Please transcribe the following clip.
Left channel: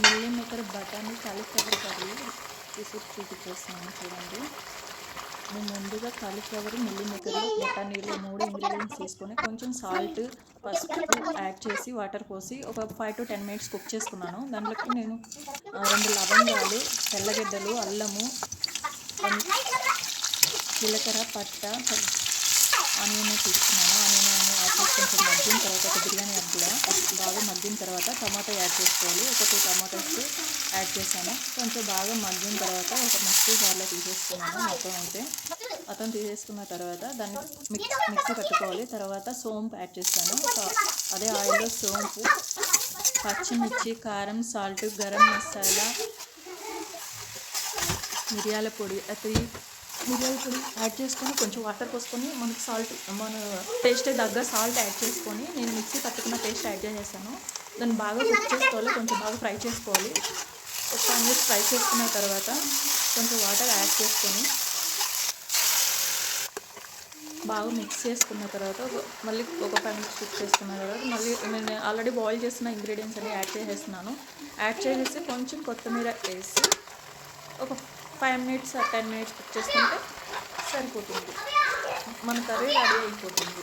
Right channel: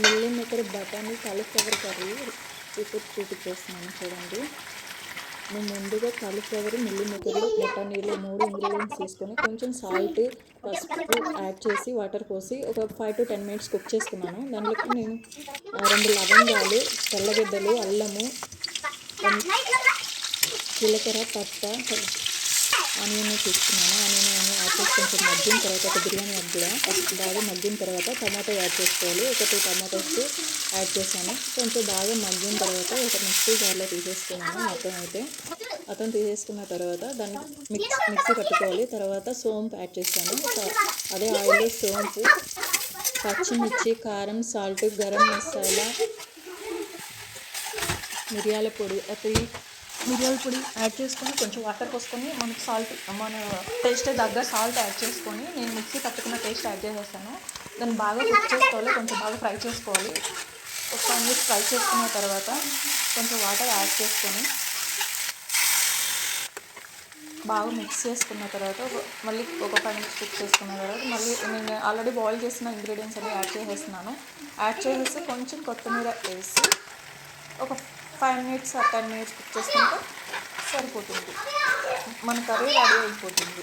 Milli మేకర్ బఠానీ cauliflower curry recipe చూపించేస్తున్నాను చూడండి. నేను ముందుగా కాలీఫ్లవర్ మిల్లీ మేకర్లో బఠానీలు మూడు ఇంగ్రీడియంట్స్ తీసుకొని కొంచెం సాల్ట్ పసుపు యాడ్ చేసి వాటర్ పోసి ఒక five to ten minutes cook చేసుకున్నాను. దాంట్లోకి నేను ఆ, రెండు లవంగాలు తెల్లగడ్డలు అల్లము జీలకర్ర పట్ట ఆనియన్ తీసుకున్నాను. ఆనియన్ యాడ్ చేసి కొంచెం మగ్గిన తర్వాత ఒక బిర్యానీ యాడ్ కూడా బాగా మగ్గిన తర్వాత టమాటో యాడ్ చేసుకోవాలి. ఒక టూ టమాటోస్ యాడ్ చేశాను. కొంచెం బాగా మగ్గిన తర్వాత ఒక మిక్సీ జార్లో తీసేసుకున్నాను మొత్తం అయితే. అతను తీసేసుకున్న తర్వాత దాన్ని మిక్స్ మిక్సీ పట్టుకోవాలి. తర్వాత సోంపు యాడ్ చేస్తాను అదే ఆయిల్లో సోంపు పచ్చిమిర్చి కారం సాల్ట్ గరం మసాలా మిరియాల పొడి అది మిరియాల పొడి యాడ్ చేసుకొని కొంచెం వాటర్ పోసుకొని మనకి సాల్ట్ మన టేస్ట్ తగ్గ సాల్ట్ యాడ్ చేసుకొని నేను మిక్సీ పట్టుకున్న టేస్ట్ యాడ్ చేసేసాను. దాన్ని బాగా కుక్ చేసుకోవాలి కొంచెం బాగా ఫ్రై చేసుకోవాలి. ఒక ఫైవ్ మినిట్స్ ఫ్రై చేసుకున్న తర్వాత కొంచెం వాటర్ యాడ్ చేసుకొని బాగా మిక్స్ చేసుకున్న తర్వాత మళ్ళీ ఒక ఫైవ్ మినిట్స్ కుక్ చేసుకున్న తర్వాత మళ్ళీ నేను ఆల్రెడీ బాయిల్ చేసిన ఇంగ్రీడియంట్స్ అన్ని యాడ్ చేసేస్తున్నాను. యాడ్ చేసేసి కొంచెం కొత్తిమీర వేసి ఒక five minutes ten minutes cook చేసుకుంటే సరిపోతుంది. మన కర్రీ రెడీ అయిపోతుంది.